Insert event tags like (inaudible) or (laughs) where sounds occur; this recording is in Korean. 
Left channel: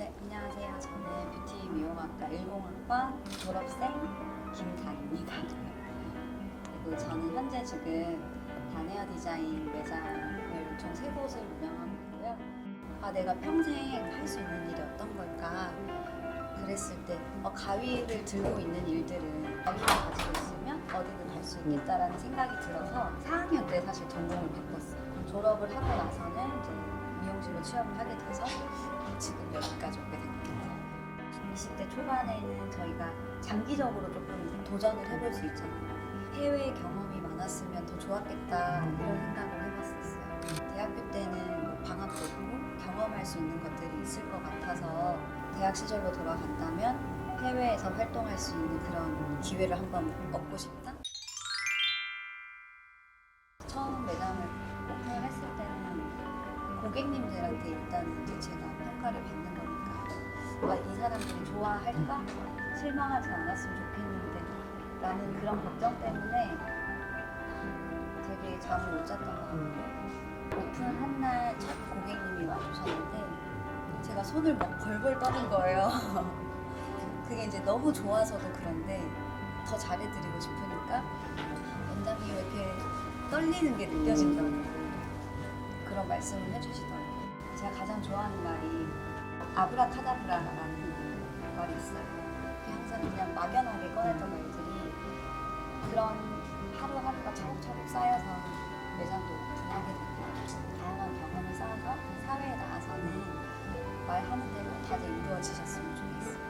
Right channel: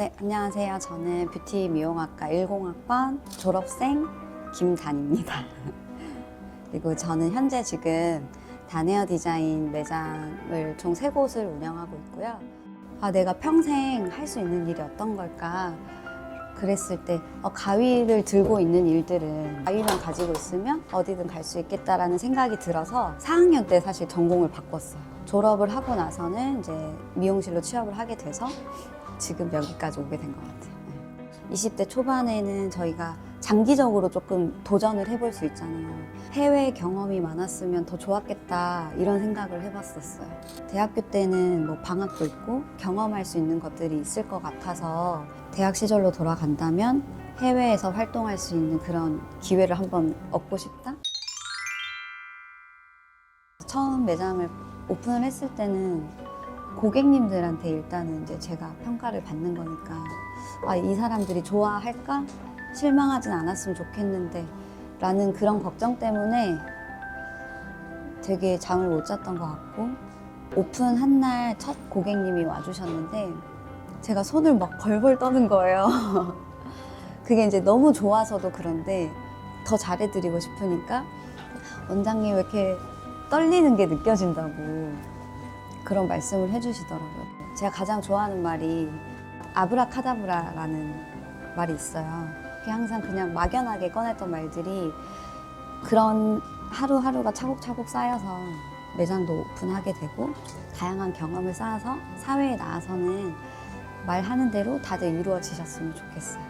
네, 안녕하세요. 저는 뷰티 미용학과 10학번 졸업생 김단입니다. (laughs) 그리고 저는 현재 지금 단헤어 디자인 매장을 총 세 곳을 운영하고 있고요. 아, 내가 평생 할 수 있는 일이 어떤 걸까? 그랬을 때 어, 가위를 들고 있는 일들은 가위만 가지고 있으면 어디든 갈 수 있겠다라는 생각이 들어서 4학년 때 사실 전공을 바꿨어요. 졸업을 하고 나서는 이제 미용실로 취업을 하게 돼서 지금 여기까지 오게 된 것 같아요. 20대 초반에는 저희가 장기적으로 조금 도전을 해볼 수 있잖아요. 해외 경험이 많았으면 더 좋았겠다 이런 생각을 해봤었어요. 대학교 때는 뭐 방학도 있고 경험할 수 있는 것들이 있을 것 같아서 대학 시절로 돌아간다면 해외에서 활동할 수 있는 그런 기회를 한번 얻고 싶다. 처음 매장을 오픈을 했을 때는 고객님들한테 일단은 이제 제가 평가를 받는 거니까 아, 이 사람들이 좋아할까? 실망하진 않았으면 좋겠는데 라는 그런 걱정 때문에 되게 잠을 못 잤던 것 같고 오픈한 날 첫 고객님이 와주셨는데 제가 손을 막 벌벌 떠는 거예요. (laughs) 그게 이제 너무 좋아서도 그런데 더 잘해드리고 싶으니까 원장님 왜 이렇게 떨리는 게 느껴진다고 그런 말씀을 해주시더라고요. 제가 가장 좋아하는 말이 아브라카다브라라는 말이 있어요. 항상 그냥 막연하게 꺼냈던 말들이 그런 하루하루가 차곡차곡 쌓여서 매장도 오픈하게 되고 다양한 경험을 쌓아서 사회에 나와서는 말하는 대로 다들 이루어지셨으면 좋겠어요.